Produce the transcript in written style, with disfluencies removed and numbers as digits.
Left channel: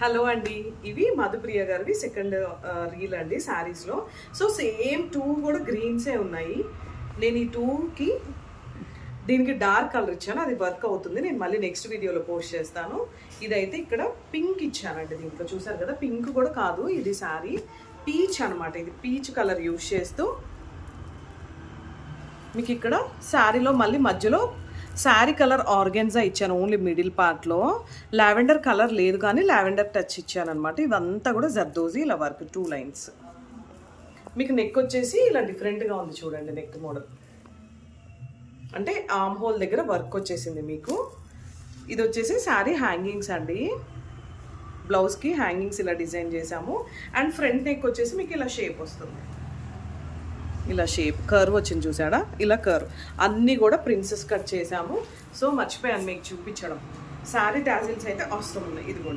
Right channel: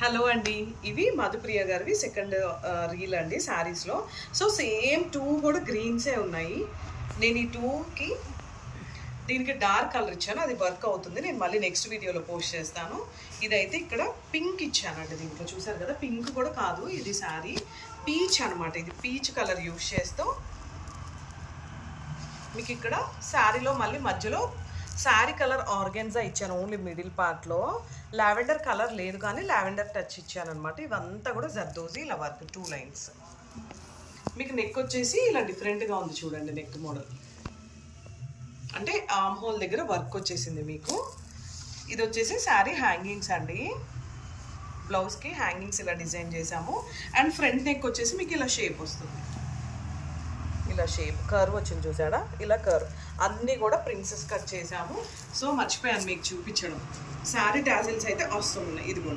Hello అండి, ఇవి మధుప్రియ గారివి సెకండ్ రీల్ అండి శారీస్లో. సో సేమ్ టూ కూడా గ్రీన్సే ఉన్నాయి. నేను ఈ టూకి దీనికి డార్క్ కలర్ ఇచ్చాను, అది వర్క్ అవుతుంది. నేను మళ్ళీ నెక్స్ట్ వీడియోలో పోస్ట్ చేస్తాను. ఇదైతే ఇక్కడ పింక్ ఇచ్చానండి. దీంట్లో చూసారు కదా, పింక్ కూడా కాదు ఇది శారీ, పీచ్ అనమాట. ఇది పీచ్ కలర్ యూజ్ చేస్తూ మీకు ఇక్కడ శారీలో మళ్ళీ మధ్యలో శారీ కలర్ ఆర్గెన్జా ఇచ్చాను, ఓన్లీ మిడిల్ పార్ట్లో. లావెండర్ కలర్ లేదు కానీ లావెండర్ టచ్ ఇచ్చాను అనమాట. ఇదంతా కూడా జర్దోజీ ఇలా వర్క్ 2 లైన్స్. మీకు నెక్ వచ్చేసి ఇలా డిఫరెంట్గా ఉంది చూడండి. నెక్ మోడల్ అంటే ఆర్మ్ హోల్ దగ్గర వర్క్ వచ్చేసింది మీకు. ఇది వచ్చేసి శారీ హ్యాంగింగ్స్ అండి. బ్లౌజ్కి హ్యాంగింగ్స్ ఇలా డిజైన్ చేసాము. అండ్ ఫ్రంట్ నెక్ వచ్చేసి మీకు ఇలా షేప్ వస్తుంది. ఇలా షేప్ కర్వ్ వచ్చింది చూసాడా, ఇలా కర్వ్. అన్నీ కూడా ప్రిన్సెస్ కట్ చేసాము. సో మర్చిపోయాను మీకు చూపించడం. శారీ టాజిల్స్ అయితే వస్తుంది. ఇదిగో